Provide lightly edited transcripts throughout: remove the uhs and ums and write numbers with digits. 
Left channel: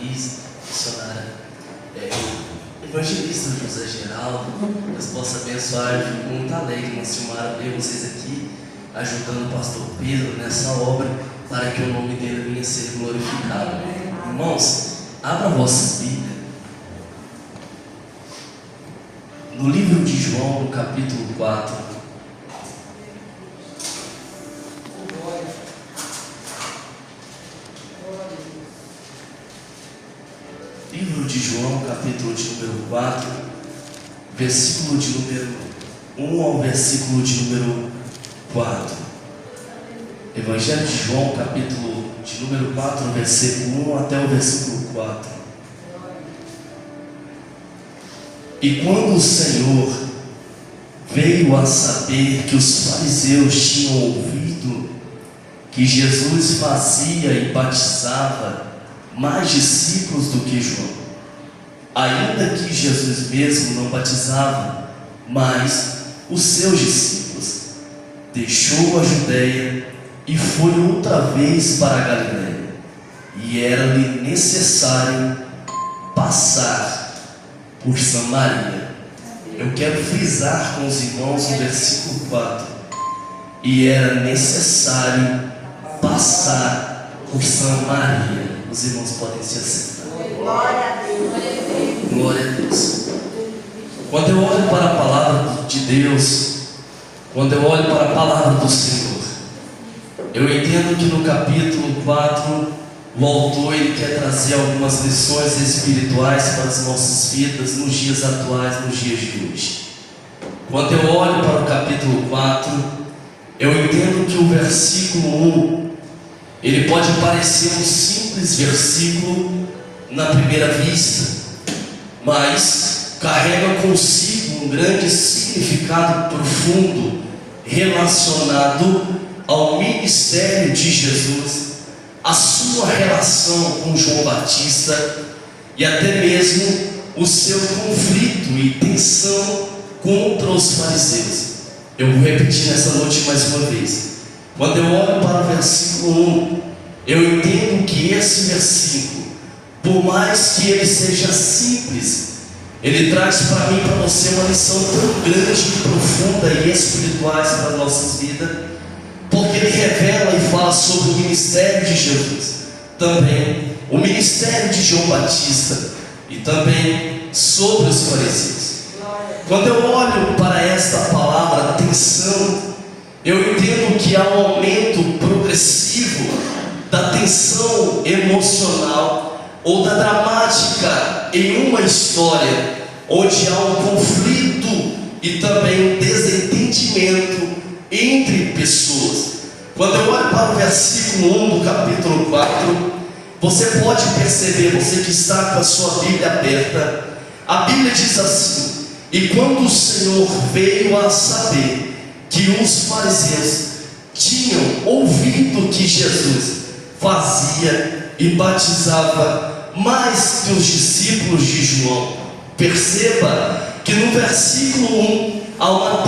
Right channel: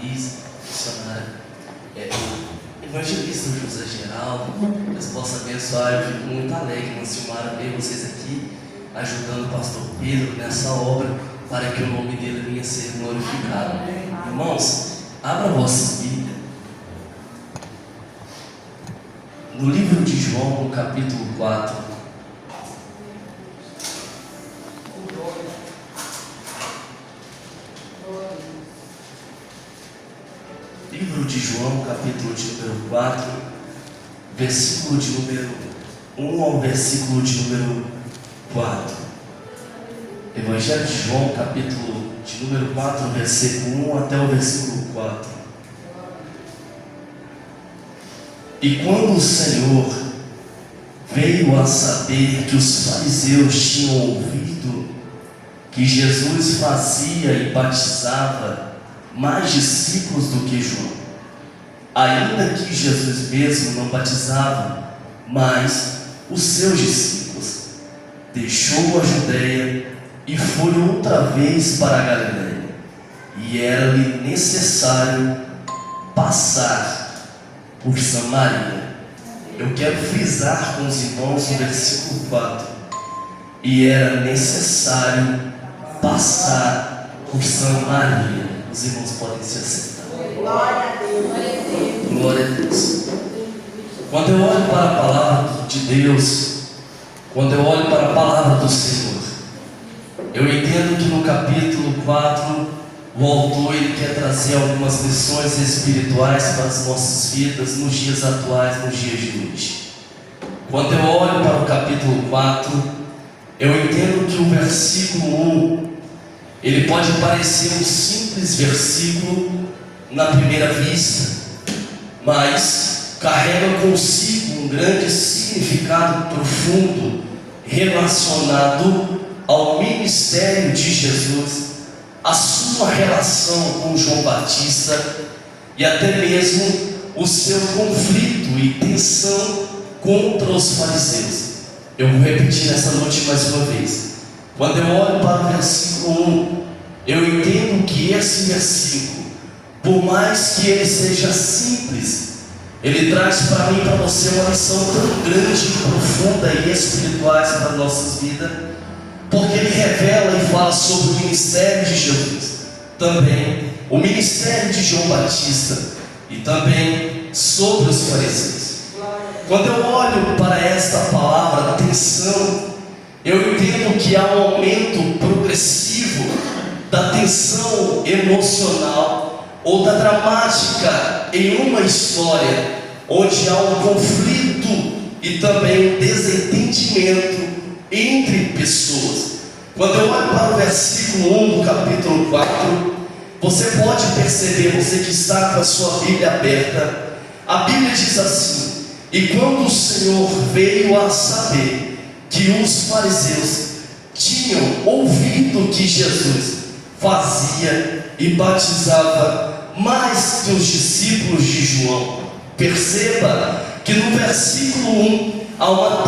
Denise, missionária, evangelista José Geraldo. Deus possa abençoar. Eu fico muito alegre, irmã Silmara, ver vocês aqui ajudando o pastor Pedro nessa obra, para que o nome dele venha a ser glorificado. Irmãos, abra vossas Bíblias no livro de João, no capítulo 4. Livro de João, capítulo de número 4, versículo de número 1 ao versículo de número 4. Evangelho de João, capítulo de número 4, versículo 1 até o versículo 4. E quando o Senhor veio a saber que os fariseus tinham ouvido que Jesus fazia e batizava mais discípulos do que João, ainda que Jesus mesmo não batizava, mas os seus discípulos, deixou a Judeia e foi outra vez para a Galileia, e era-lhe necessário passar por Samaria. Eu quero frisar com os irmãos o versículo 4. E era necessário passar por Samaria. Os irmãos podem se assentar. Glória a Deus. Glória a Deus. Quando eu olho para a palavra de Deus, quando eu olho para a palavra do Senhor, eu entendo que no capítulo 4 o autor ele quer trazer algumas lições espirituais para as nossas vidas nos dias atuais, nos dias de hoje. Quando eu olho para o capítulo 4, eu entendo que o versículo 1 ele pode parecer um simples versículo na primeira vista, mas carrega consigo um grande significado profundo relacionado ao ministério de Jesus, a sua relação com João Batista e até mesmo o seu conflito e tensão contra os fariseus. Eu vou repetir nessa noite mais uma vez. Quando eu olho para o versículo 1, eu entendo que esse versículo, por mais que ele seja simples, ele traz para mim e para você uma lição tão grande, profunda e espirituais para as nossas vidas, porque ele revela e fala sobre o ministério de Jesus, também o ministério de João Batista e também sobre os fariseus. Quando eu olho para esta palavra tensão, eu entendo que há um aumento progressivo da tensão emocional ou da dramática em uma história onde há um conflito e também um desentendimento entre pessoas. Quando eu olho para o versículo 1 do capítulo 4, você pode perceber, você que está com a sua Bíblia aberta, a Bíblia diz assim: e quando o Senhor veio a saber que os fariseus tinham ouvido que Jesus fazia e batizava mais que os discípulos de João. Perceba que no versículo 1 há uma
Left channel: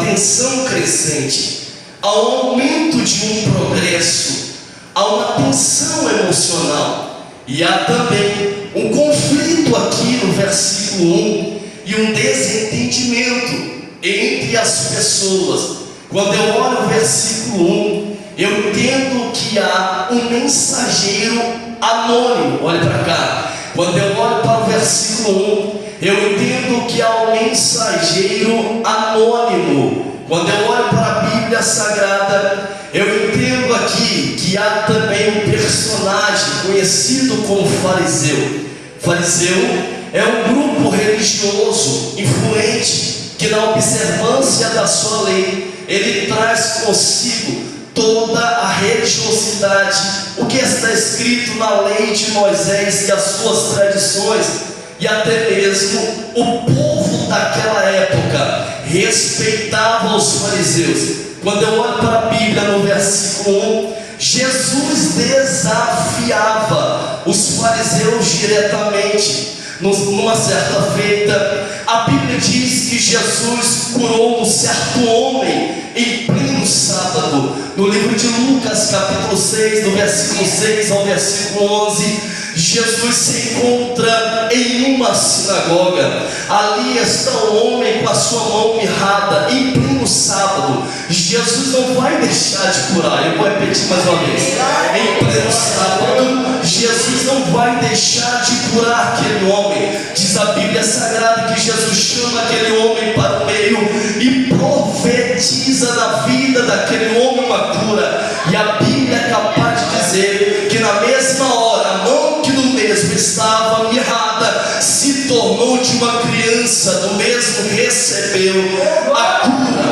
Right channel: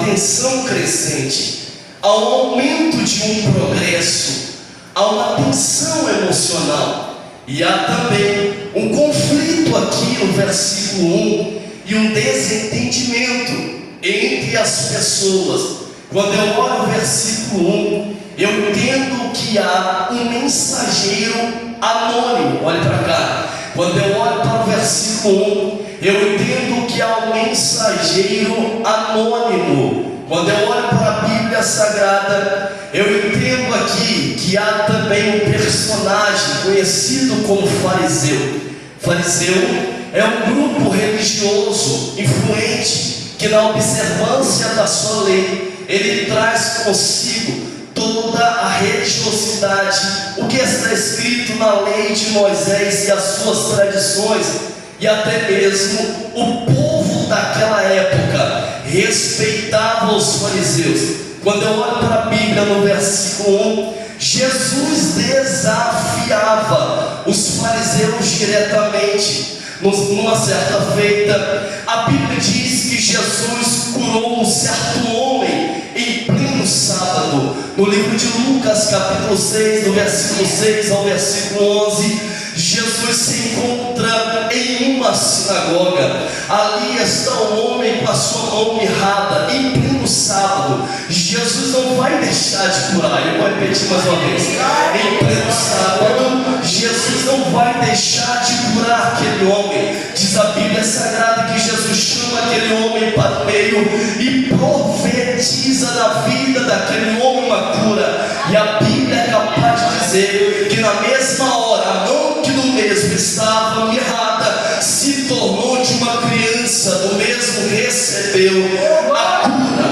tensão crescente, há um aumento de um progresso, há uma tensão emocional e há também um conflito aqui no versículo 1 e um desentendimento entre as pessoas. Quando eu olho o versículo 1, eu entendo que há um mensageiro anônimo. Olhe para cá. Quando eu olho para o versículo 1, eu entendo que há um mensageiro anônimo. Quando eu olho para a Bíblia Sagrada, eu entendo aqui que há também um personagem conhecido como fariseu. Fariseu é um grupo religioso influente que, na observância da sua lei, ele traz consigo toda a religiosidade, o que está escrito na lei de Moisés e as suas tradições, e até mesmo o povo daquela época respeitava os fariseus. Quando eu olho para a Bíblia no versículo 1, Jesus desafiava os fariseus diretamente. Numa certa feita, a Bíblia diz que Jesus curou um certo homem em pleno sábado. No livro de Lucas, capítulo 6, do versículo 6 ao versículo 11, Jesus se encontra em uma sinagoga. Ali está um homem com a sua mão mirrada, em pleno sábado. Jesus não vai deixar de curar. Eu vou repetir mais uma vez. Em pleno sábado, Jesus não vai deixar de curar aquele homem. Diz a Bíblia Sagrada que Jesus chama aquele homem para o meio e profetiza na vida daquele homem uma cura. E a Bíblia é capaz de dizer que na mesma hora, a mão que do mesmo estava mirrada se tornou de uma criança, do mesmo recebeu a cura.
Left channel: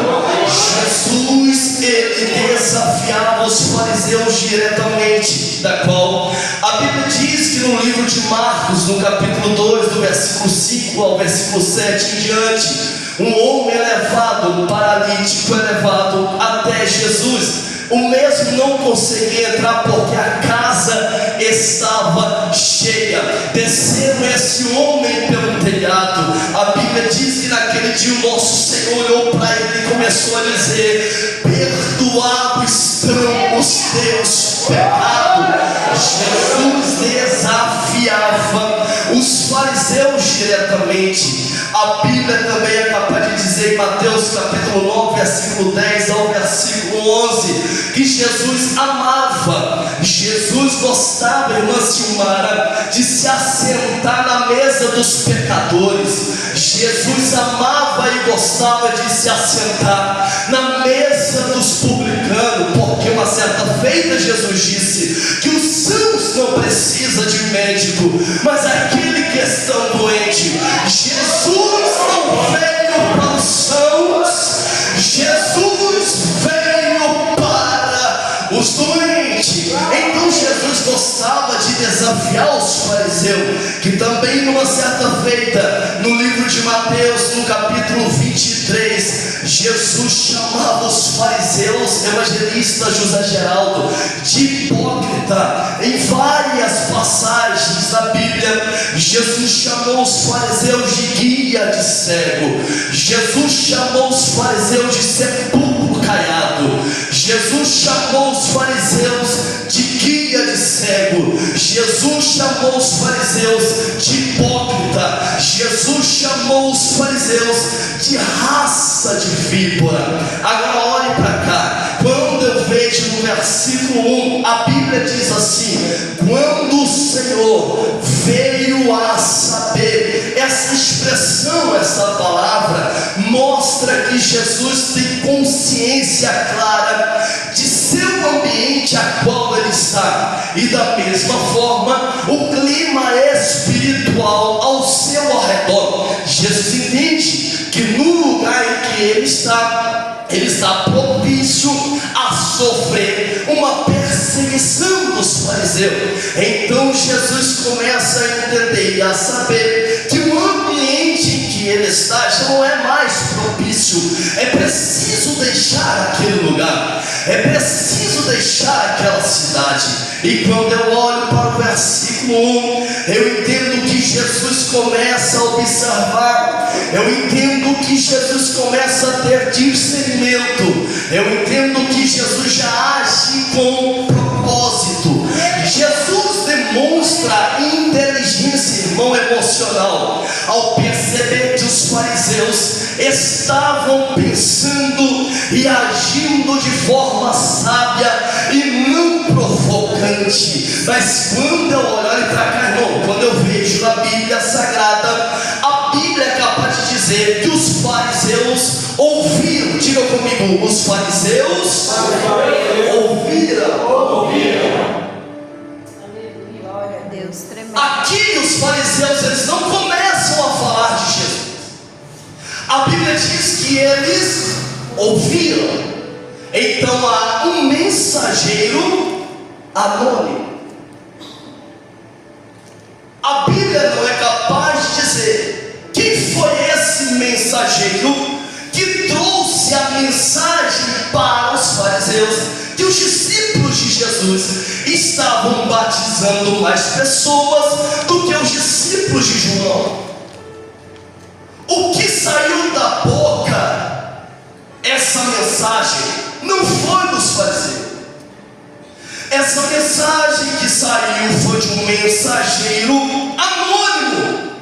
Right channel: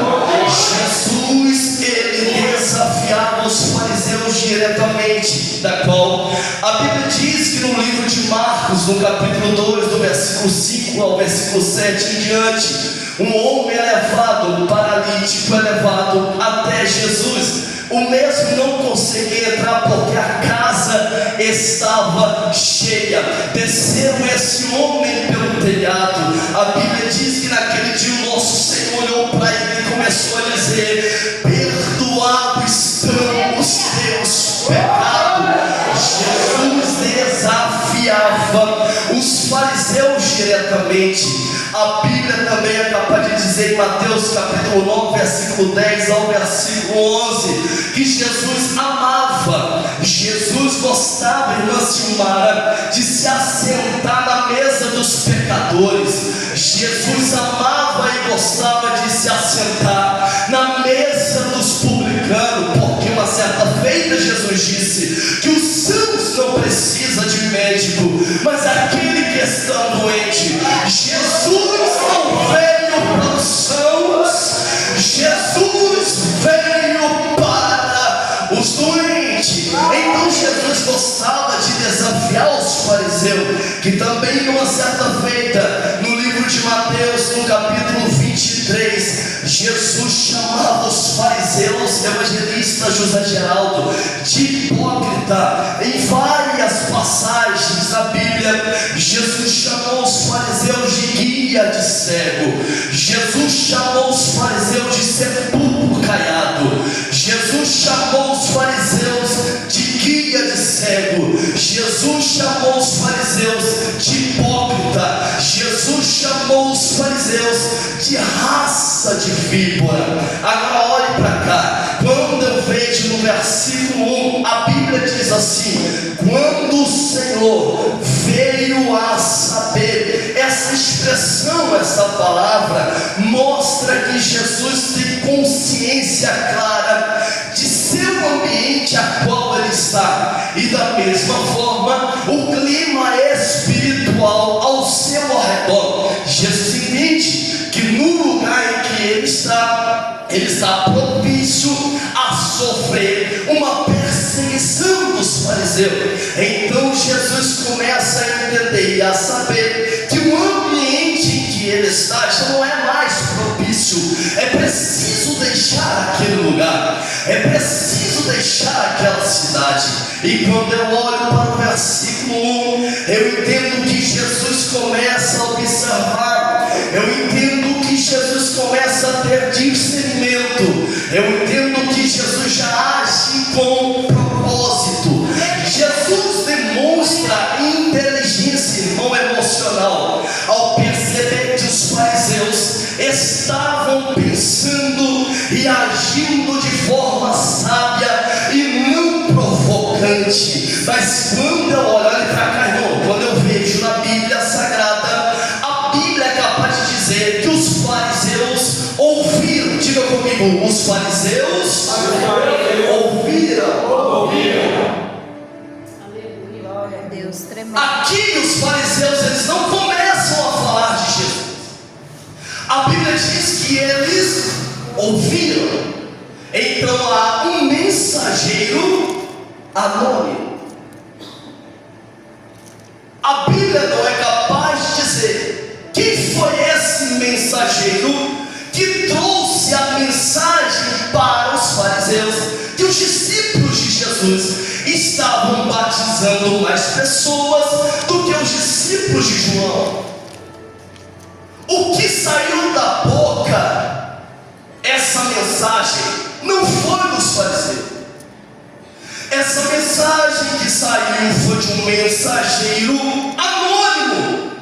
Jesus, ele desafiava os fariseus diretamente, da qual a Bíblia diz que no livro de Marcos, no capítulo 2, do versículo 5 ao versículo 7 em diante, um homem é levado, um paralítico é levado até Jesus. O mesmo não conseguia entrar porque a casa estava cheia. Desceram esse homem pelo telhado. A Bíblia diz que naquele dia o nosso Senhor olhou para ele e começou a dizer: perdoados estão os teus pecados. Jesus desafiava os fariseus diretamente. A Bíblia também é capaz de dizer em Mateus capítulo 9, versículo 10 ao versículo 11, que Jesus amava, Jesus gostava, irmã Silmara, de se assentar na mesa dos pecadores. Jesus amava e gostava de se assentar na mesa dos publicanos, porque uma certa feita Jesus disse que os sãos não precisam de médico, mas aquele que está doente. Jesus não veio para os sãos, Jesus veio para os doentes. Então Jesus gostava de desafiar os fariseus, que também numa certa feita, no livro de Mateus, no capítulo 23, Jesus chamava os fariseus, evangelista José Geraldo, de hipócrita. Em várias passagens da Bíblia, Jesus chamou os fariseus de guia de cego, Jesus chamou os fariseus de sepulcro caiado, Jesus chamou os fariseus de guia de cego, Jesus chamou os fariseus de hipócrita, Jesus chamou os fariseus de raça de víbora. Agora olhe para cá, quando eu vejo no versículo 1, a Bíblia diz assim: quando o Senhor veio a saber. Essa expressão, essa palavra mostra que Jesus tem consciência clara de seu ambiente a qual ele está, e da mesma forma o clima espiritual ao seu redor. Jesus entende que no lugar em que ele está propício a sofrer uma perseguição dos fariseus. Então Jesus começa a entender e a saber que o ambiente em que ele está já não é mais propício. É preciso deixar aquele lugar, é preciso deixar aquela cidade. E quando eu olho para o versículo 1, eu entendo que Jesus começa a observar, eu entendo que Jesus começa a ter discernimento, eu entendo que Jesus já age com propósito. Jesus demonstra inteligência, irmão, emocional, ao perceber que os fariseus estavam pensando e agindo de forma sábia e não provocante. Mas quando eu olho para cá, irmão, quando eu vejo na Bíblia Sagrada, a Bíblia é capaz de dizer que os fariseus ouviram. Diga comigo: os fariseus ouviram. Glória a Deus, tremendo. Aqui os fariseus, eles não começam a falar de Jesus. A Bíblia diz que eles ouviram. Então há um mensageiro anônimo. A Bíblia não é capaz de dizer quem foi esse mensageiro que trouxe a mensagem para os fariseus que os discípulos de Jesus estavam batizando mais pessoas do que os discípulos de João. O que saiu da boca, essa mensagem, não foi dos fariseus. Essa mensagem que saiu foi de um mensageiro anônimo.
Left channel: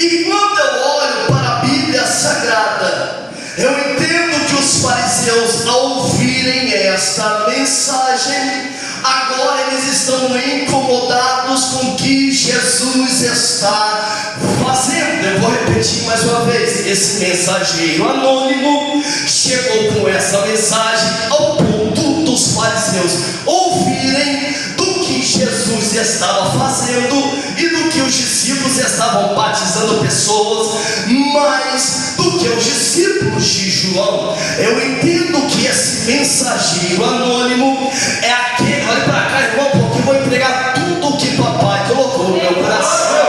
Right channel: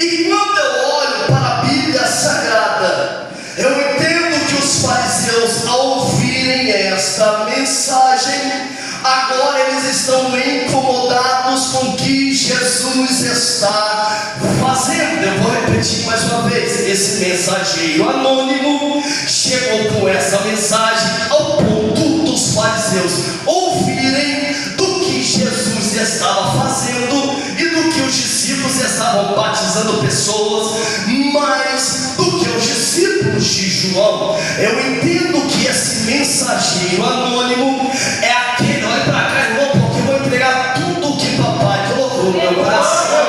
E quando eu olho para a Bíblia Sagrada, eu entendo que os fariseus, ao ouvirem esta mensagem, agora eles estão incomodados com o que Jesus está fazendo. Eu vou repetir mais uma vez: esse mensageiro anônimo chegou com essa mensagem ao ponto dos fariseus ouvirem do que Jesus estava fazendo e do que os discípulos estavam batizando pessoas, mais do que os discípulos de João. Eu entendo que esse mensageiro anônimo é aquele, olha para cá, irmão, porque eu vou entregar tudo o que papai colocou no meu coração.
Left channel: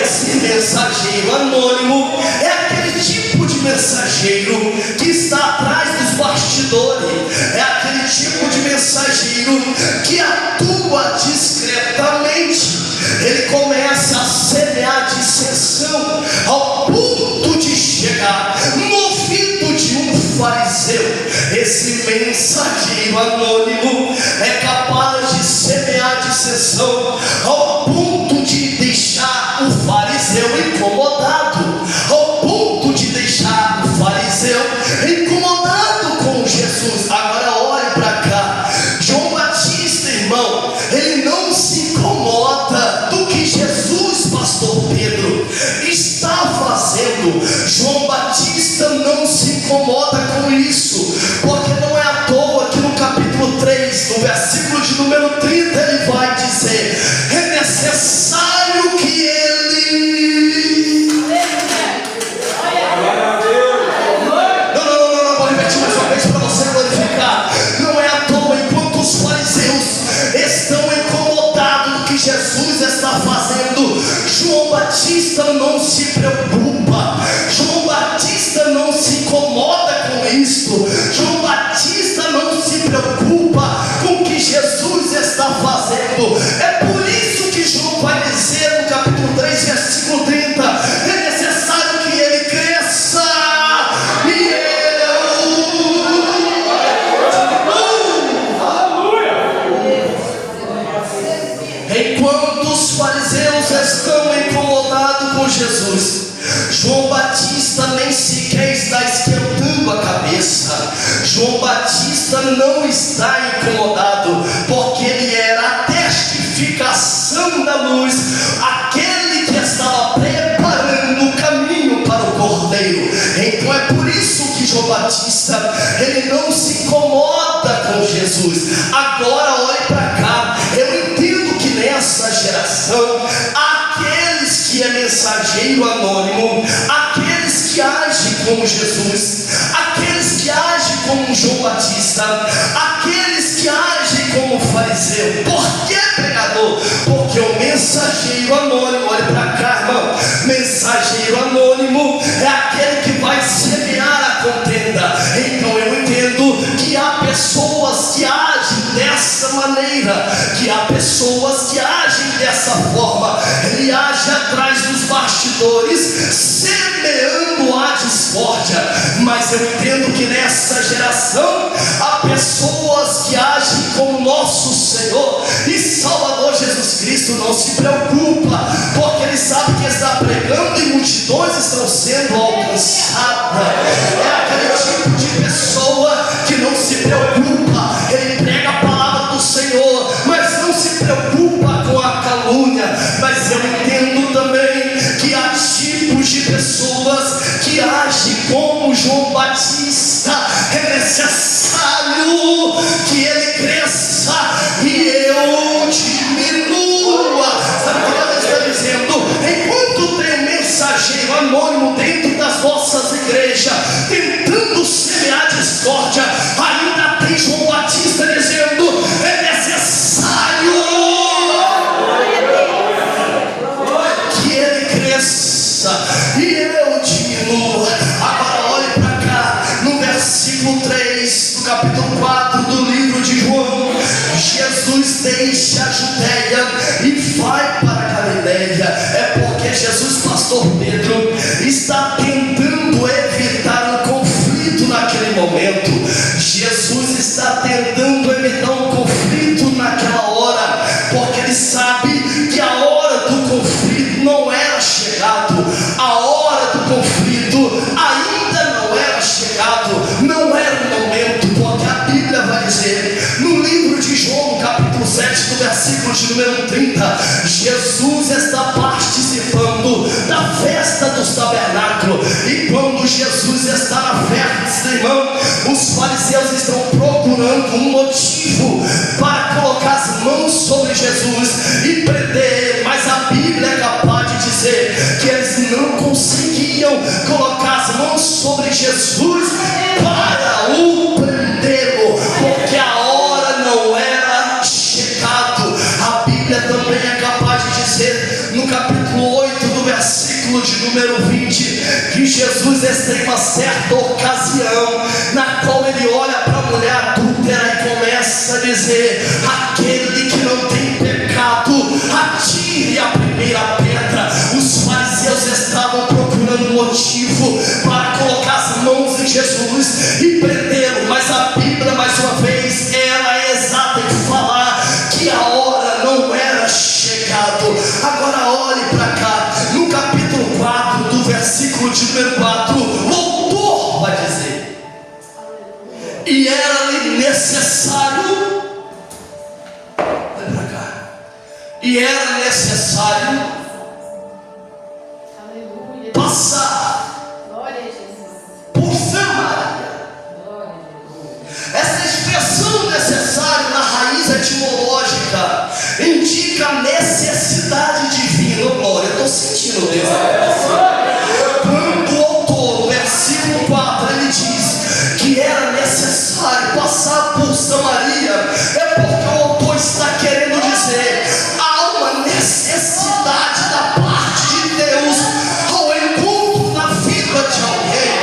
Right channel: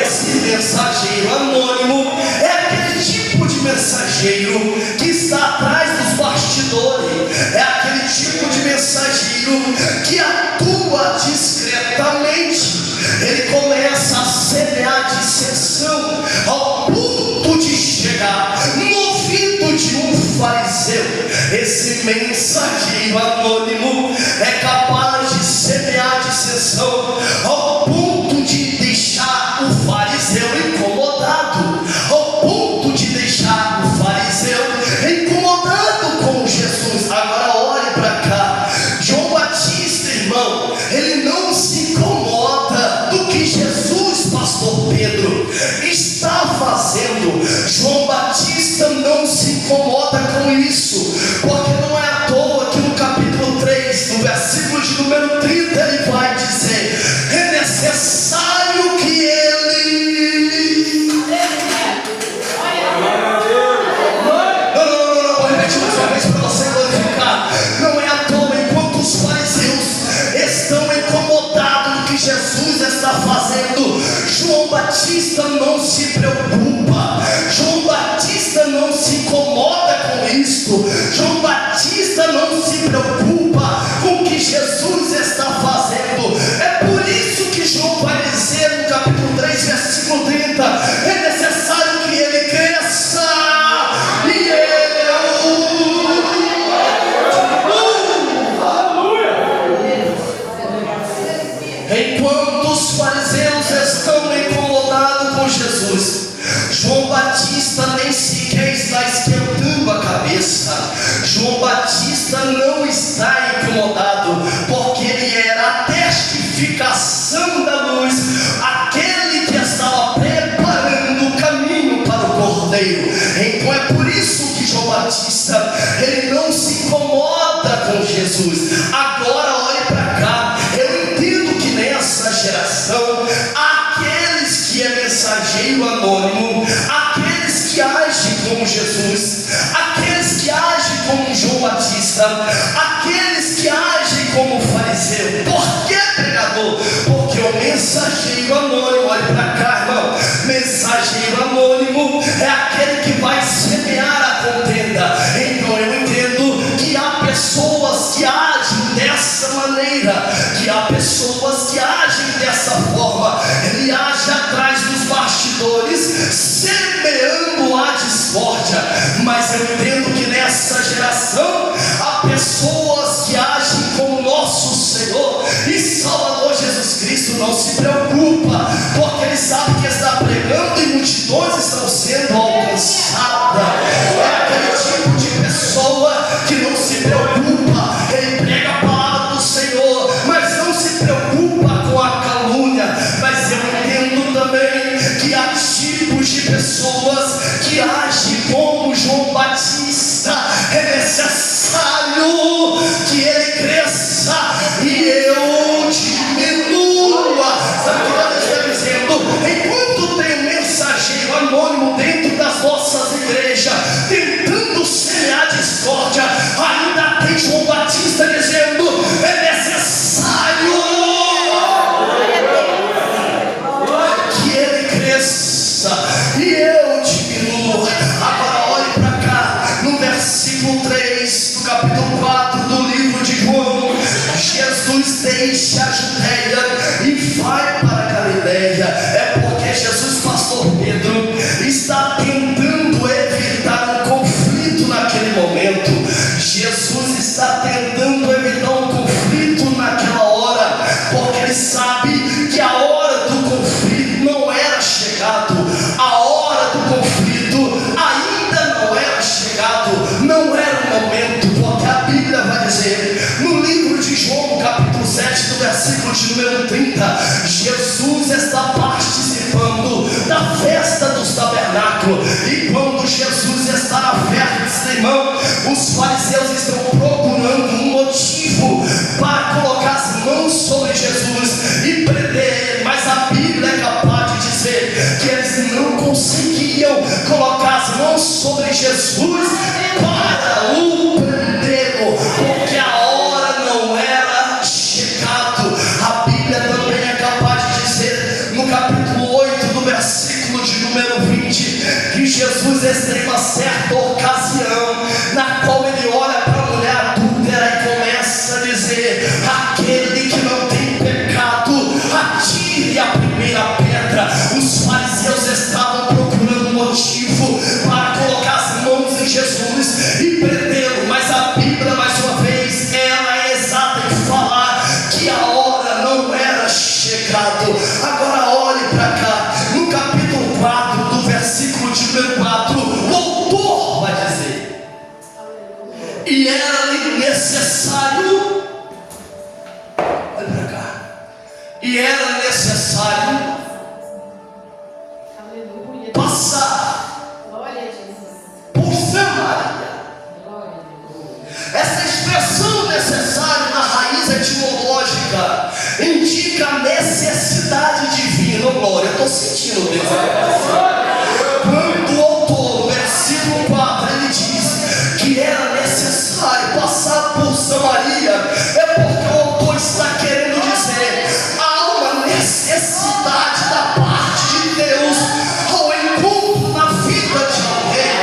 Esse mensageiro anônimo é aquele tipo de mensageiro que está atrás dos bastidores, é aquele tipo de mensageiro que atua discretamente. Ele começa a semear dissensão ao ponto de chegar no ouvido de um fariseu. Esse mensageiro anônimo é capaz de semear dissensão ao ponto de deixar o fariseu incomodado, ao ponto de deixar o fariseu incomodado com Jesus. Agora olhe para cá, João Batista, irmão, ele não se incomoda do que Jesus, pastor Pedro, está fazendo. João Batista não se incomoda com isso, porque não é à toa que no capítulo 3, no versículo de número 30, ele vai dizer: é necessário que ele... Não, vou repetir mais uma vez para você glorificar. Não é à toa, enquanto os fariseus estão incomodados do que Jesus está fazendo, João Batista não se preocupa, João Batista não se incomoda com isso, João Batista não se preocupa com o que Jesus está fazendo. É por isso que João vai dizer no capítulo 3, versículo 30: é necessário que ele cresça e eu... Enquanto os fariseus estão incomodados com Jesus, João Batista nem sequer está esquentando a cabeça. João Batista não está incomodado, porque ele era a testificação da luz, aquele que estava preparando o caminho para o Cordeiro. Então é por isso que João Batista, ele não se incomoda com Jesus. Agora olhe para cá, eu entendo que nessa geração, aqueles que é mensageiro anônimo, aqueles que agem como Jesus, aqueles que agem como João Batista, aqueles que agem como fariseu. Por que, pregador? Porque o mensageiro anônimo, olha para cá, irmão, mensageiro anônimo é aquele que vai semear a contenda. Então eu entendo que há pessoas que agem dessa maneira, que há pessoas que agem dessa forma. Ele age atrás dos bastidores, semeando a discórdia. Mas eu entendo que nessa geração há pessoas que agem com nosso Senhor e Salvador Jesus Cristo. Não se preocupa, porque ele sabe que está pregando e multidões estão sendo alcançadas. É aquele tipo de pessoa que não se preocupa. Ele prega a palavra do Senhor, mas não se preocupa com a calúnia. Mas eu entendo também que há tipos de pessoas que agem como João Batista. É necessário que ele cresça e eu diminua. Sabe o que Deus está dizendo? Enquanto tem um mensageiro anônimo dentro das nossas igrejas tentando semear discórdia, ainda tem João Batista dizendo: é necessário que ele cresça e eu diminua. Agora olhe para cá, no versículo 3 do capítulo 4 do livro de João, Jesus deixa a Judeia e vai para a Galileia. É porque Jesus, pastor Pedro, está tentando evitar um conflito naquele momento. Jesus está tentando evitar um conflito naquela hora, versículo de número 30, Jesus está participando da festa dos tabernáculos. E quando Jesus está na festa, irmão, os fariseus estão procurando um motivo para colocar as mãos sobre Jesus e prender ele. Mas a Bíblia é capaz de dizer que eles não conseguiam colocar as mãos sobre Jesus para o prendê-lo, porque a hora não era chegado. A Bíblia também é capaz de dizer, no capítulo 8 do versículo de número 20, que Jesus está em uma certa ocasião, na qual ele olha para a mulher adúltera e começa a dizer: aquele que não tem pecado, atire a primeira pedra. Os fariseus estavam procurando motivo para colocar as mãos em Jesus e prendê-lo, mas a Bíblia, mais uma vez, ela é exata em falar que a hora não era chegado. Agora olhe para cá, no capítulo 4 do versículo de número 4, o autor vai dizer: e era-lhe necessário, olha para cá, e era necessário passar por Samaria. Essa expressão necessário na raiz etimológica indica necessidade divina. Oh, glória, eu estou sentindo Deus. Quando o autor, no versículo 4, ele diz que era necessário passar por Samaria, é porque o autor está querendo dizer: há uma necessidade da parte de Deus ao encontro na vida de alguém.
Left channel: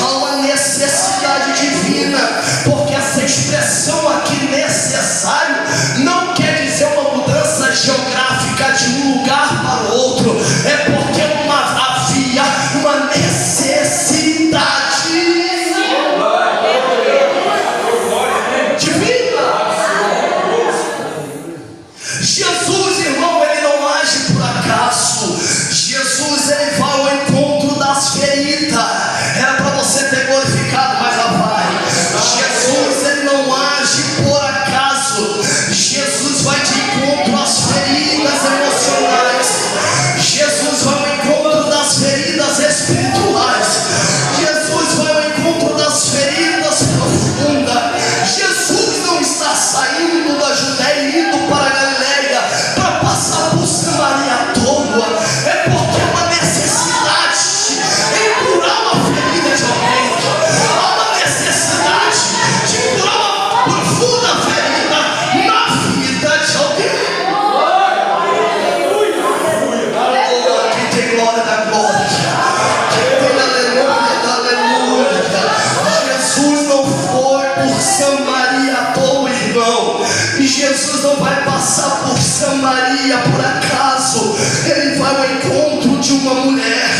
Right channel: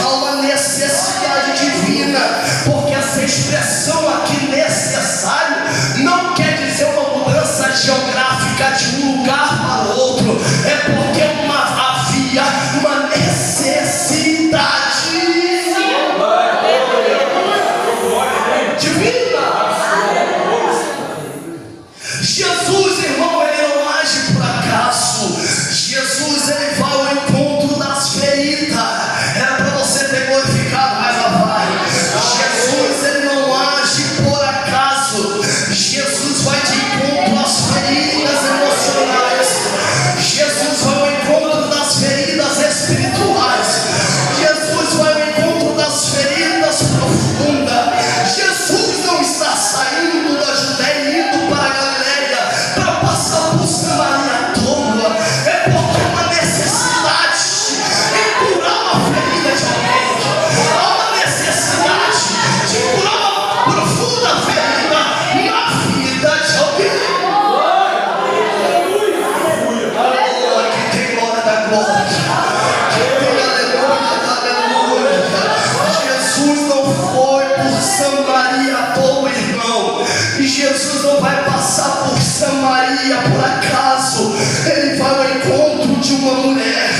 Há uma necessidade divina, porque essa expressão aqui, necessário, não quer dizer uma mudança geográfica de um lugar para o outro, é porque havia uma necessidade divina. Jesus, irmão, ele não age por acaso. Jesus, ele vai ao encontro das feridas. Era para você ter glorificado, mas lá vai. Jesus, ele não age por acaso. Jesus vai de encontro às feridas emocionais. Jesus vai ao encontro das feridas espirituais. Jesus vai ao encontro das feridas profundas. Jesus não está saindo da Judéia e indo para a Galileia para passar por Samaria à toa. É porque há uma necessidade em curar uma ferida de alguém. Há uma necessidade de curar uma profunda ferida na vida de alguém. Que tem glória da glória, que tem aleluia da aleluia. Jesus não foi por Samaria à toa, irmão. E Jesus não vai passar por Samaria por acaso. Ele vai ao encontro de uma mulher.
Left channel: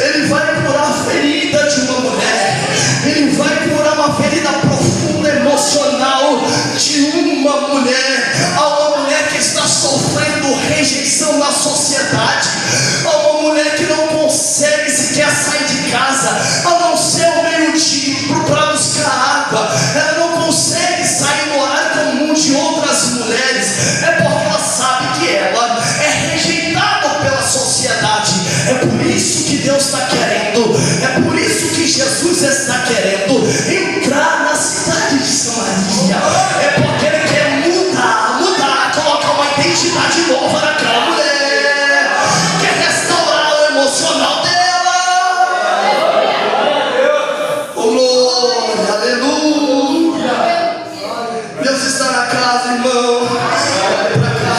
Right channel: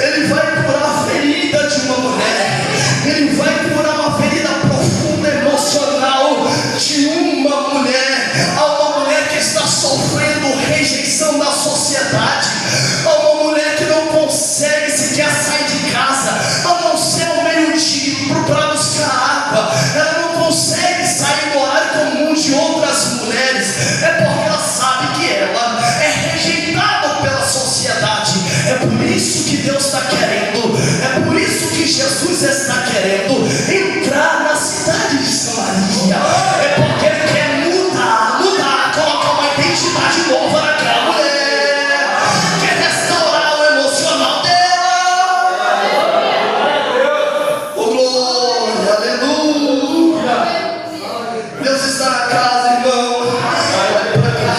Ele vai curar a ferida de uma mulher. Ele vai curar uma ferida profunda emocional de uma mulher. Há uma mulher que está sofrendo rejeição da sociedade. Há uma mulher que não consegue sequer sair de casa, a não ser ao meio-dia para buscar água. Ela não consegue sair do horário comum de outras mulheres. É porque ela sabe que ela é rejeitada pela sociedade. É por isso que Deus está querendo, é por isso que Jesus está querendo entrar na cidade de Samaria. É porque ele quer mudar, colocar uma identidade nova naquela mulher, quer restaurar o emocional dela. Oh, glória, aleluia. Deus está na casa, irmão. Olha para cá.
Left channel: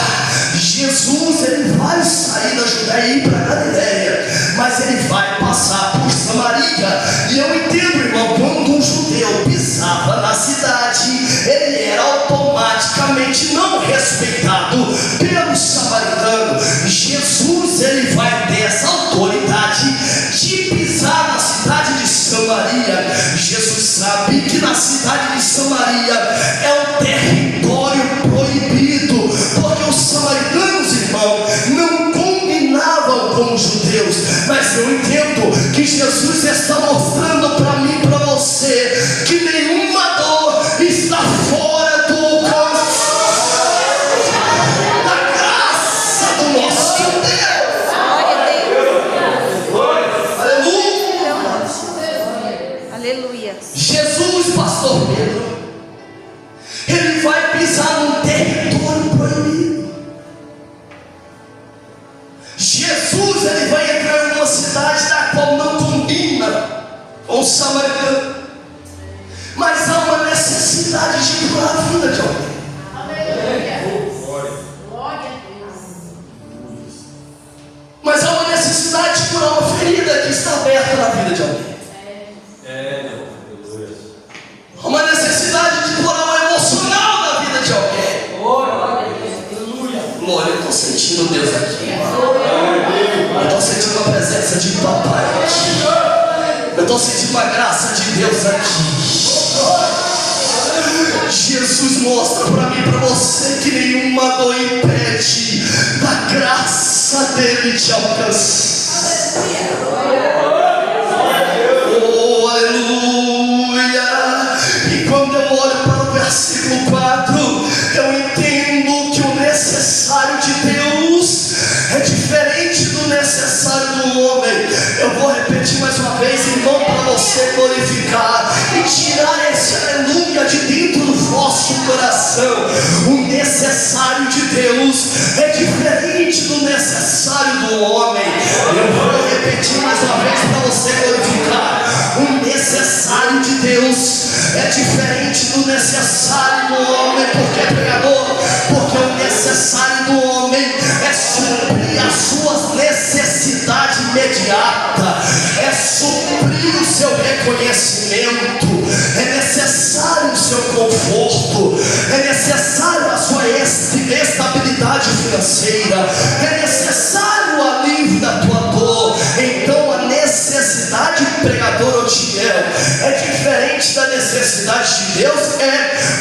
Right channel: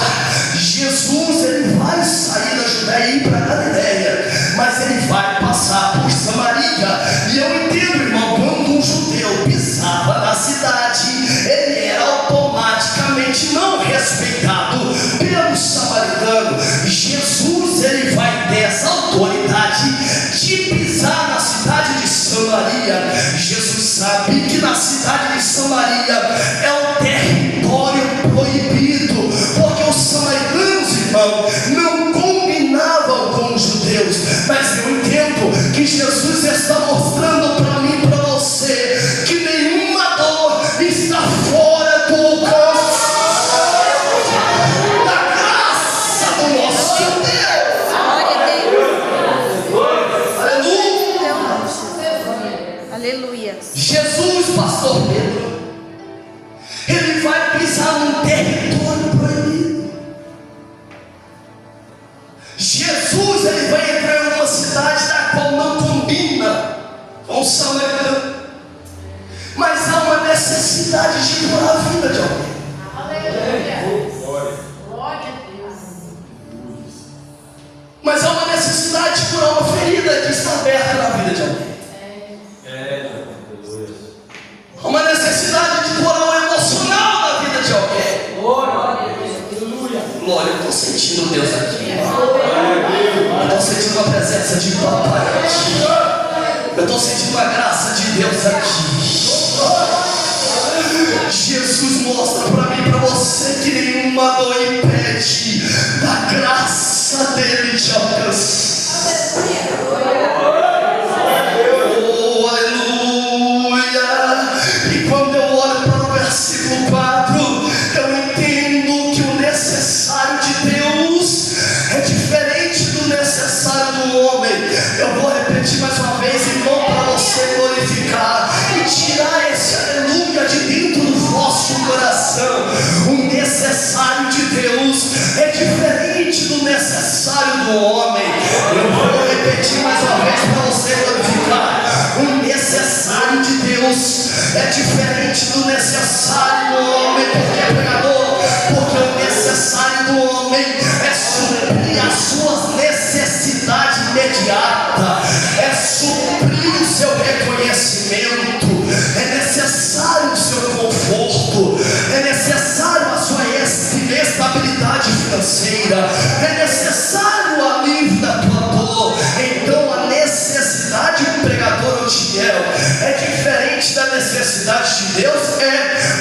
Jesus, ele vai sair da Judéia e ir para a Galileia, mas ele vai passar por Samaria. E eu entendo, irmão, quando um judeu pisava na cidade, ele era automaticamente não respeitado pelo samaritano. Jesus, ele vai ter essa autoridade de pisar na cidade de Samaria. Jesus sabe que na cidade de Samaria é um território proibido, porque os samaritanos, irmão, não combinavam com os judeus. está aberta na vida de alguém. Há uma necessidade de curar emocional na vida de alguém. Glória, eu estou sentindo Deus aqui. Eu estou sentindo a presença de papai aqui. Eu estou sentindo a graça de Deus aqui. Jesus mostra para mim e para você que nenhuma dor impede da graça dele te alcançar. Oh, aleluia. E quando eu olho para o versículo 4, eu entendo que o necessário de Deus é diferente do necessário do homem. Eu vou repetir mais uma vez, irmão, para você glorificar e tirar esse aleluia de dentro do vosso coração. O necessário de Deus é diferente do necessário do homem. Eu vou repetir mais uma vez para você glorificar. O necessário de Deus é diferente do necessário do homem. Por que, pregador? Porque o necessário do homem é suprir as suas necessidades imediatas, é suprir o seu reconhecimento, é necessário o seu conforto, é necessário a sua estabilidade financeira, é necessário o alívio da tua dor. Então a necessidade, pregador Otiel, é diferente da necessidade de Deus,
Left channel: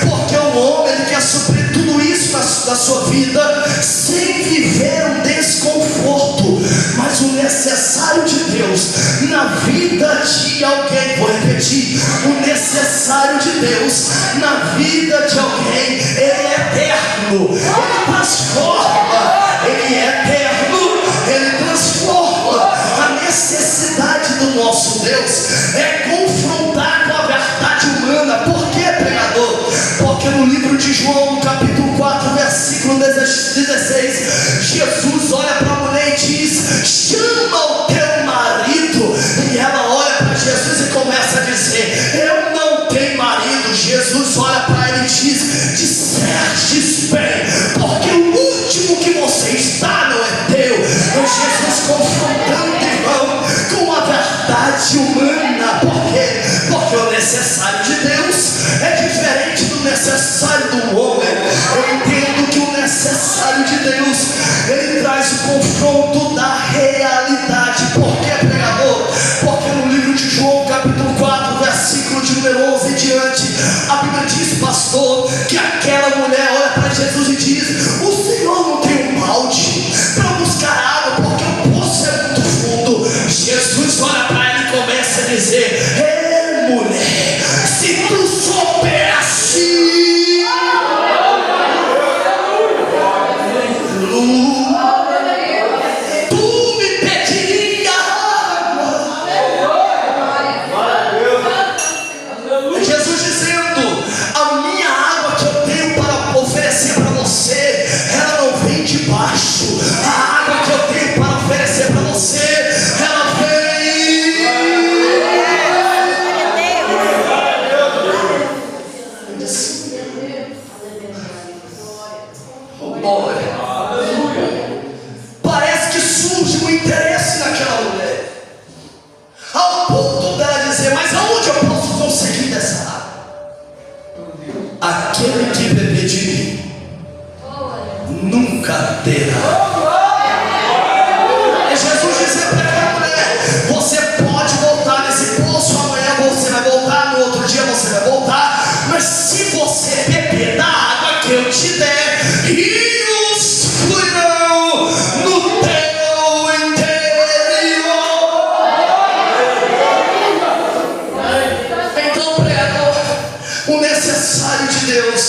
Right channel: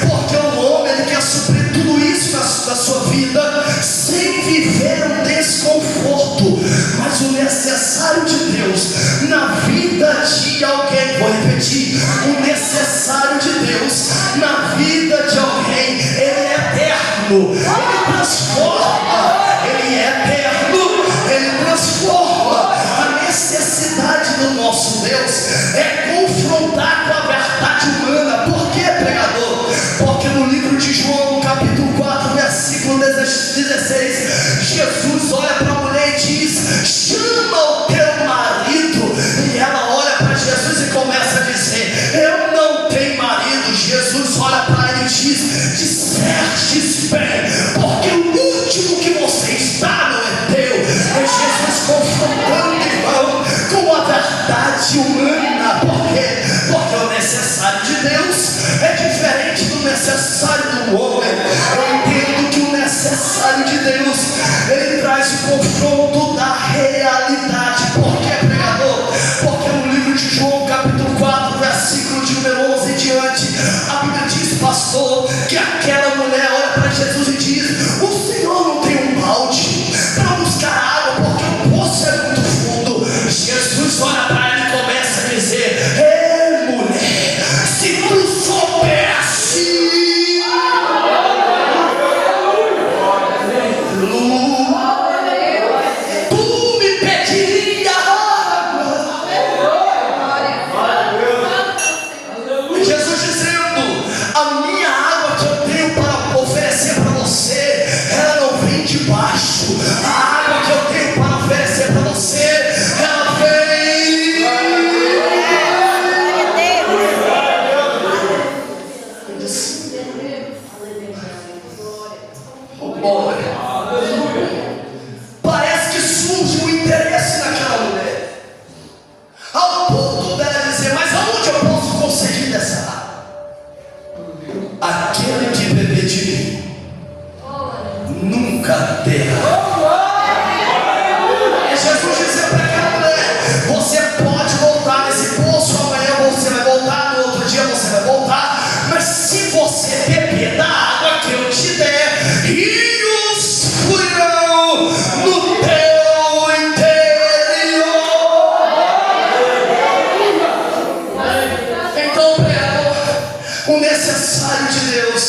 porque o homem ele quer suprir tudo isso na sua vida sem viver um desconforto. Mas o necessário de Deus na vida de alguém, vou repetir, o necessário de Deus na vida de alguém, ele é eterno, ele transforma, ele é eterno, ele transforma. A necessidade do nosso Deus é confrontar com a verdade humana. Por que, pregador? Porque no livro de João, capítulo 4, versículo 16, Jesus olha para a mulher e diz: chama o teu marido. E ela olha para Jesus e começa a dizer: eu não tenho marido. Jesus olha para ele e diz: dissestes bem, porque o último que você está não é teu. É Jesus confrontando, irmão, com a verdade humana. Por quê? Porque o necessário de Deus é diferente do necessário do homem. Eu entendo que o necessário de Deus, ele traz o confronto da realidade. Por que, pregador? Porque no livro de João, capítulo 4, versículo de número 11 em diante, a Bíblia diz, pastor, que aquela mulher olha para Jesus e diz: o Senhor não tem um balde para buscar água, porque o poço é muito fundo. Jesus olha para ele e começa a dizer: ei, mulher, se tu soubesse, tu me pediria água. Jesus dizendo: a minha água que eu tenho para oferecer para você, ela não vem de baixo. A água que eu tenho para oferecer para você, ela vem. Glória. Parece que surge um interesse naquela mulher, ao ponto dela dizer: mas aonde eu posso conseguir dessa água? Aquele que beber de mim nunca terá. É Jesus dizendo para aquela mulher: você pode voltar nesse poço, amanhã você vai voltar, no outro dia você vai voltar, mas se você beber da água que eu te der, rios fluirão no teu interior. Então, pregador, o necessário de Deus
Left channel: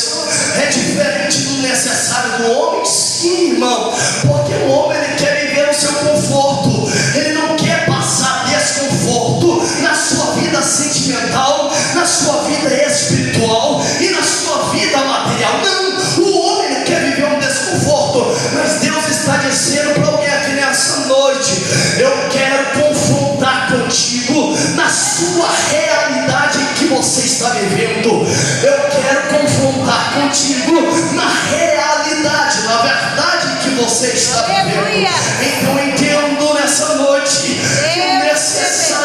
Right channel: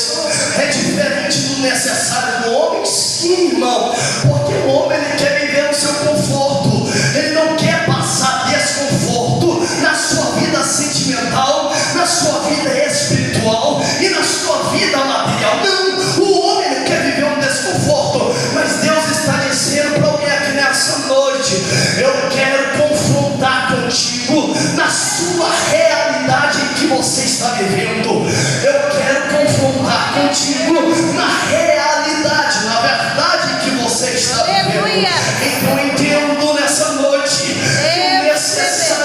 é diferente do necessário do homem? Sim, irmão, porque o homem ele quer viver no seu conforto, ele não quer passar desconforto na sua vida sentimental, na sua vida espiritual e na sua vida material. Não, o homem ele quer viver um desconforto, mas Deus está dizendo para alguém aqui nessa noite: eu quero confrontar contigo na sua realidade em que você está vivendo. Eu quero confrontar contigo na realidade, na verdade que você está vivendo. Aleluia. Então entendo nessa noite que o necessário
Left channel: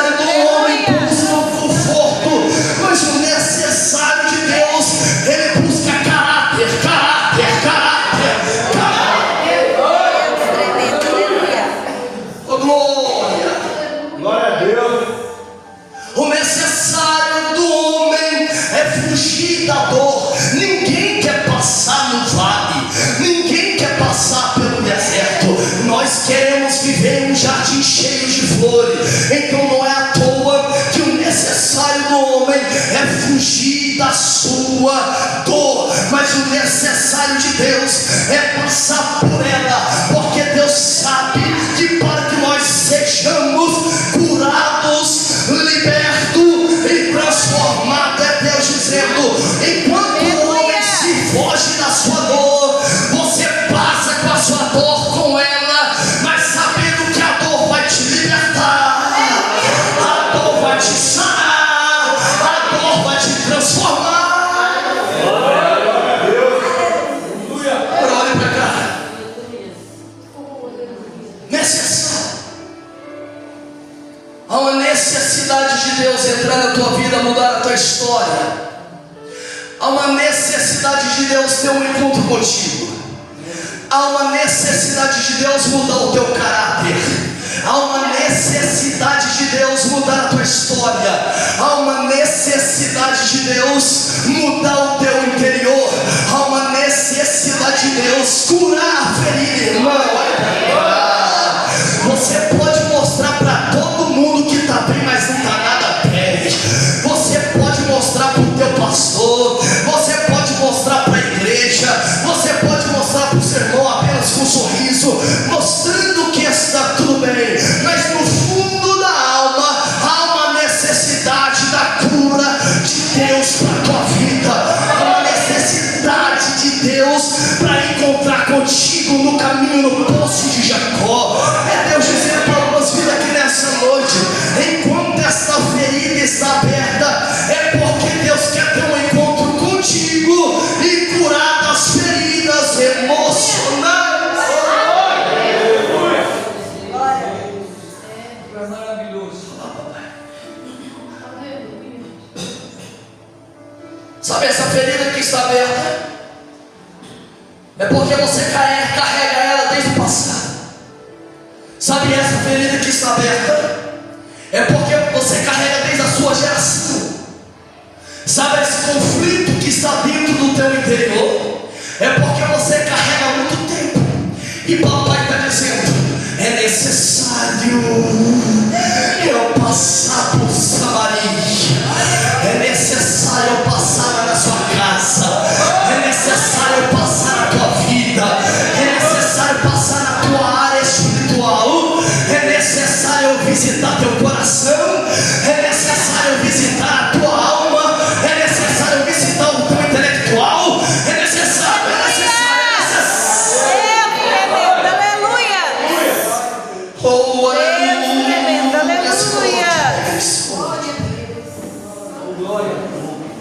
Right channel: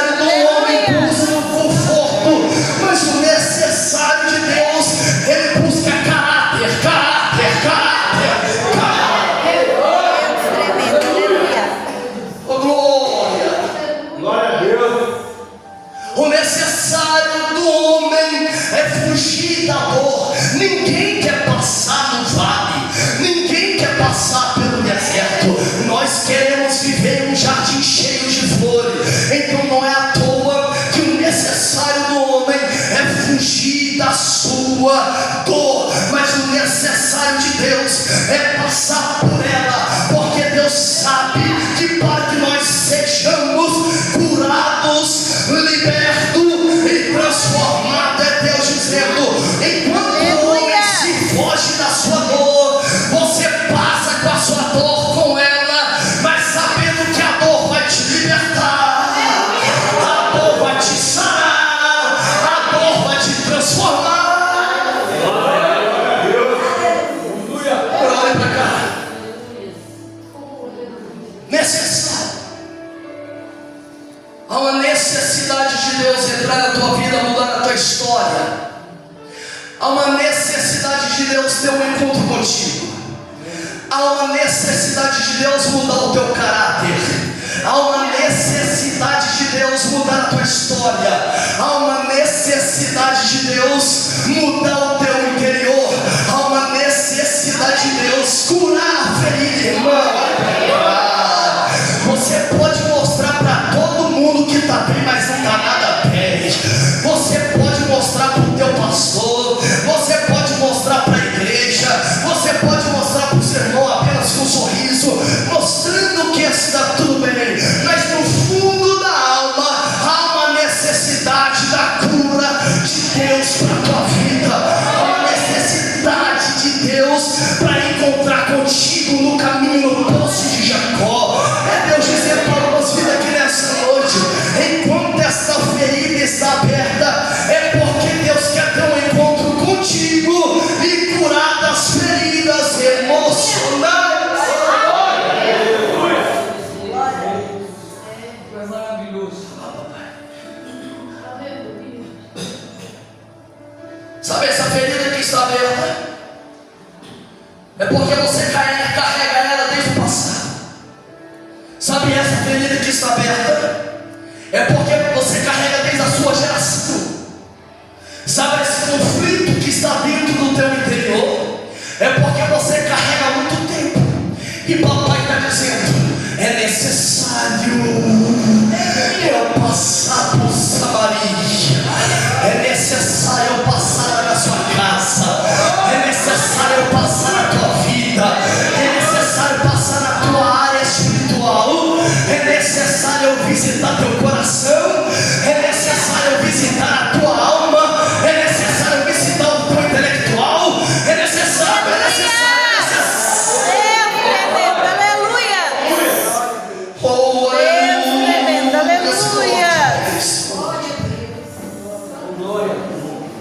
passar por ela, porque Deus sabe que para que nós sejamos curados, libertos e transformados, é Deus dizendo: enquanto o homem se foge da sua dor, você passa com a sua dor com ela, mas sabendo que a dor vai te libertar, a dor vai te sarar, a dor vai te transformar. Olha para cá. Necessário. Há uma necessidade de Deus entrar na tua vida, mudar a tua história. Há uma necessidade de Deus ter um encontro contigo. Há uma necessidade de Deus mudar o teu caráter. Há uma necessidade de Deus mudar a tua história. Há uma necessidade de Deus mudar o teu interior. Há uma necessidade de Deus curar a ferida, irmão. Você pode mostrar para todo mundo que está bem, mas não está nada bem. Você pode mostrar para o teu pastor, você pode mostrar para a igreja, você pode mostrar para o seu irmão apenas com um sorriso, mostrando que está tudo bem, mas no fundo da alma há uma necessidade da cura de Deus para a tua vida. Há uma necessidade de Deus para encontrar contigo no caminho, no poço de Jacó. É Deus dizendo para algumas vidas aqui nessa noite: enquanto essa ferida está aberta, é porque Deus quer ter um encontro contigo e curar das feridas emocionais. É maravilhoso. Sabe essa ferida que está aberta? É porque você carrega ela desde o passado. Sabe essa ferida que está aberta? É porque você carrega desde a sua geração. Sabe esse conflito que está dentro do teu interior? É porque você carrega há muito tempo. E papai está dizendo: é necessário eu passar por Samaria. É necessário eu passar na sua casa. É necessário eu passar na tua vida. É necessário passar na tua área espiritual. É necessário eu visitar teu coração. É necessário eu visitar a tua alma. É necessário eu visitar o teu intelectual. É necessário, é necessário, é necessário. Deus tremendo, aleluia. Oh, Deus tremendo, aleluia.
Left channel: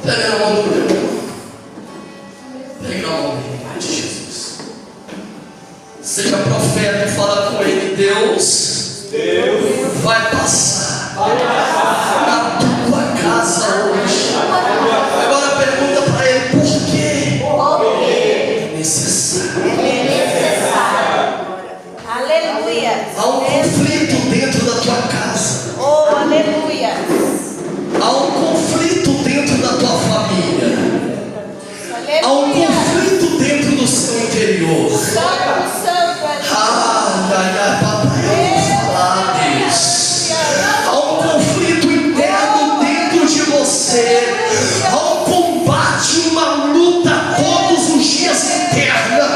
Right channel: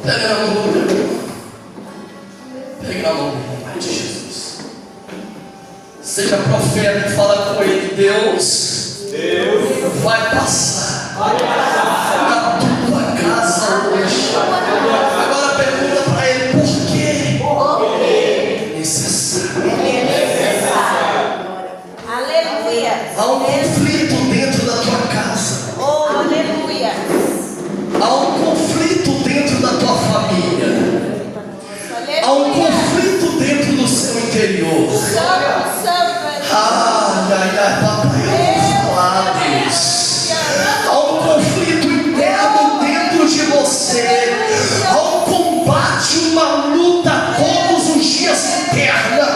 Pega na mão do Deus. Pega na mão de Jesus. Seja profeta e fala com ele: Deus vai passar na tua casa hoje. Agora pergunta para ele: por quê? É necessário. Aleluia. Há um conflito dentro da tua casa. Oh, aleluia. Há um conflito dentro da tua família. Há um Aleluia. conflito dentro do seu interior. Santo, santo, Ai, ai, ai, papai, eu vou falar, Deus. Há um conflito interno dentro de você. Há um combate, uma luta todos os dias interna.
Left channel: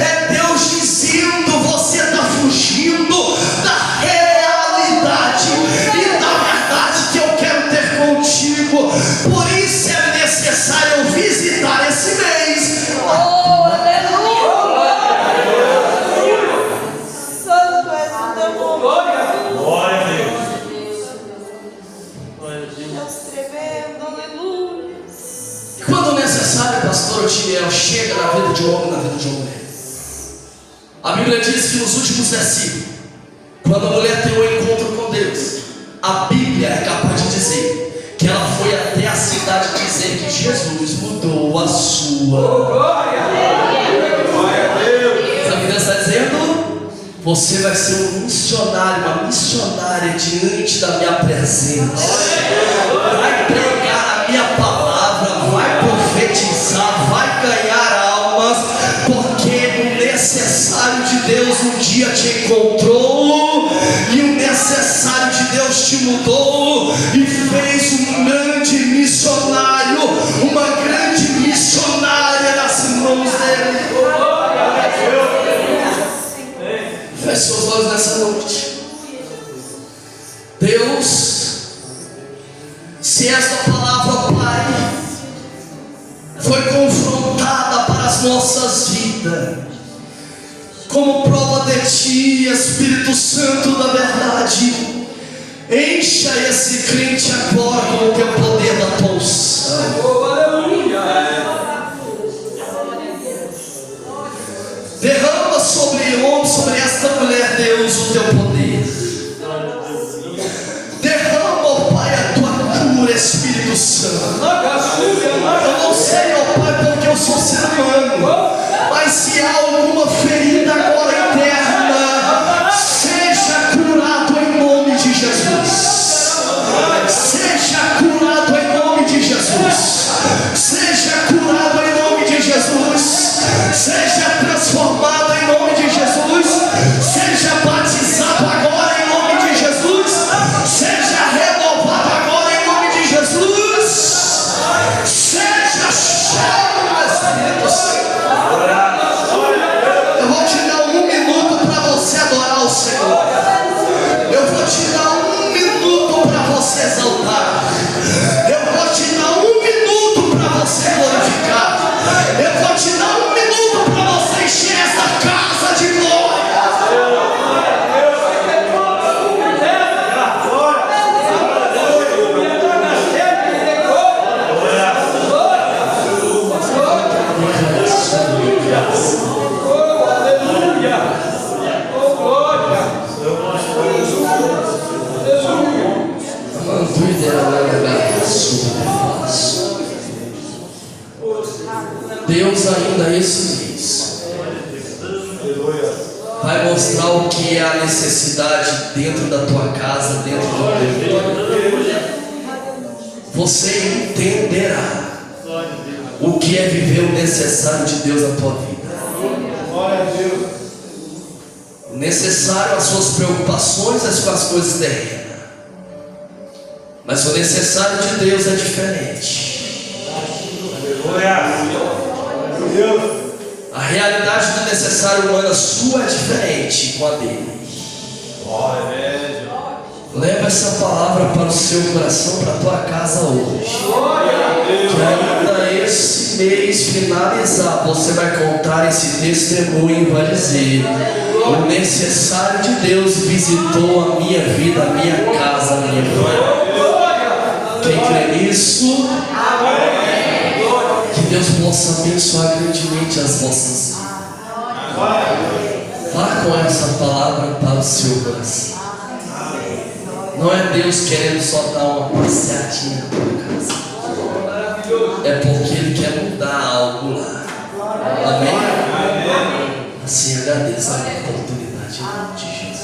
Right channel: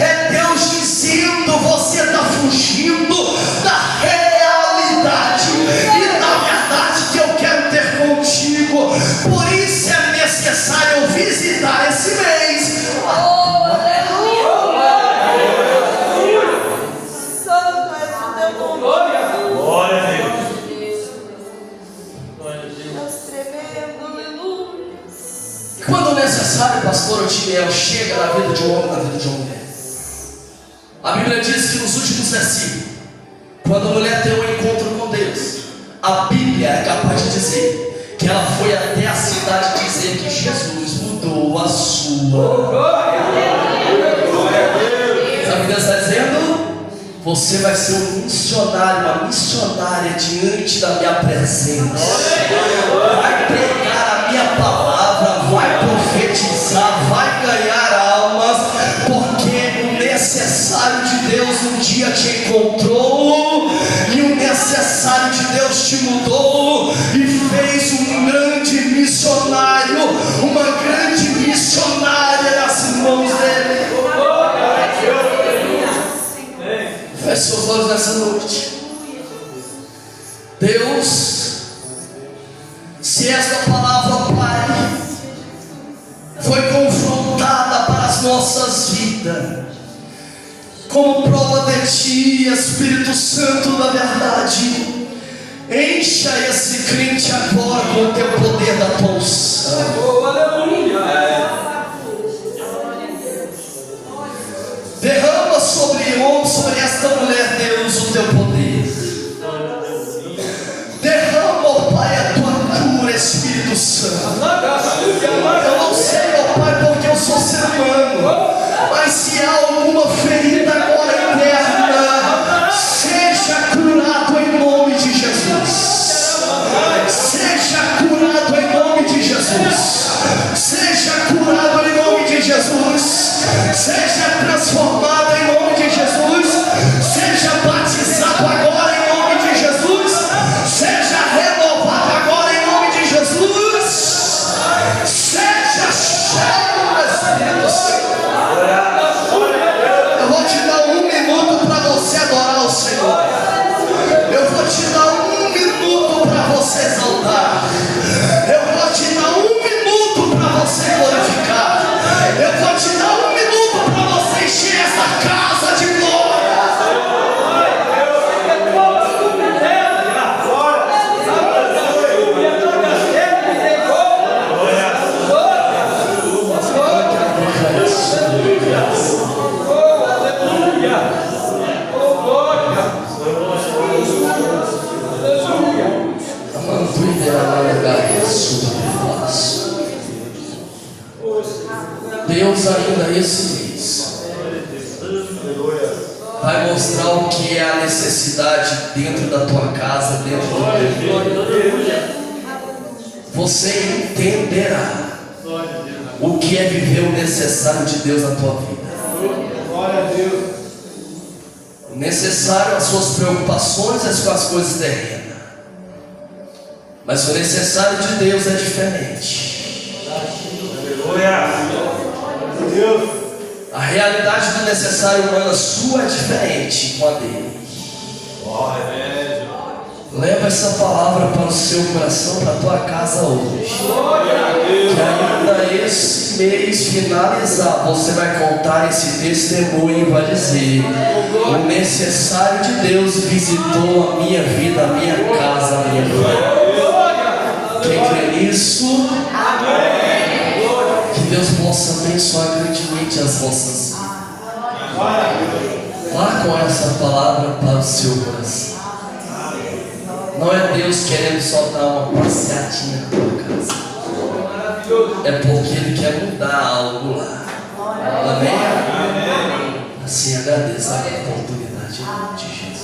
É Deus dizendo: você está fugindo da realidade e da verdade que eu quero ter contigo. Por isso é necessário eu visitar esse mês. oh, aleluia. Santo é teu nome. Glória a Deus. Deus tremendo, aleluia. E quando necessário, pastor Otiniel, chega na vida de um homem, na vida de uma mulher. A Bíblia diz que nos últimos versículos, quando a mulher tem um encontro com Deus, a Bíblia é capaz de dizer que ela foi até a cidade dizer que Jesus mudou a sua. Glória a Deus. Sabe o que Deus está dizendo? Você vai ser um missionário, uma missionária diante da minha presença. Vai pregar a minha palavra, vai profetizar, vai ganhar almas, porque o necessário de Deus um dia te encontrou, e o necessário de Deus te mudou e fez um grande missionário, uma grande missionária nas mãos dele. olhos nessa noite. Deus, se esta palavra, Pai, foi confrontada para as nossas vidas, como prova de Ti, Espírito Santo da verdade, encha esse crente agora com o Teu poder da tua unção. Derrama sobre esta mulher, Deus, o Teu poder. Derrama, ó Pai, a Tua cura, Espírito Santo. Eu não sei, ó Pai, porque eu sou ser humano, mas se há alguma ferida agora interna, seja curado em nome de Jesus. Seja curado em nome de Jesus. Seja curado em nome de Jesus. Seja transformado em nome de Jesus. Seja batizado agora em nome de Jesus. Seja renovado agora em nome de Jesus. Seja cheio do Espírito Santo. Eu vou te dar 1 minuto para você adorar o Senhor. Eu vou te dar 1 minuto para você exaltar. Eu vou te dar 1 minuto para você glorificar. Eu vou te dar 1 minuto para você encher essa casa de glória. Deus ainda esse mês vai mostrar o que é a necessidade dentro da tua casa, dentro do teu lar. Você entenderá o que é viver o necessário de Deus na tua vida. O necessário, as suas preocupações é com as coisas terrenas, mas o necessário de Deus é diferente. A realidade do necessário humano sua é diferente com a dele. Leva essa palavra para o seu coração, para a tua casa hoje. Que ainda esse mês finalizar, você vai contar esse testemunho e vai dizer: o necessário de Deus visitou a minha vida, a minha casa, a minha família. Quem crê nisso? Que Deus possa abençoar grandemente as vossas vidas. Vá com essa palavra para o seu coração. Não é Deus querendo só dar uma passeadinha na tua casa. É porque Ele quer mudar algo lá. Amém? Assim agradeço a oportunidade em nome de Jesus.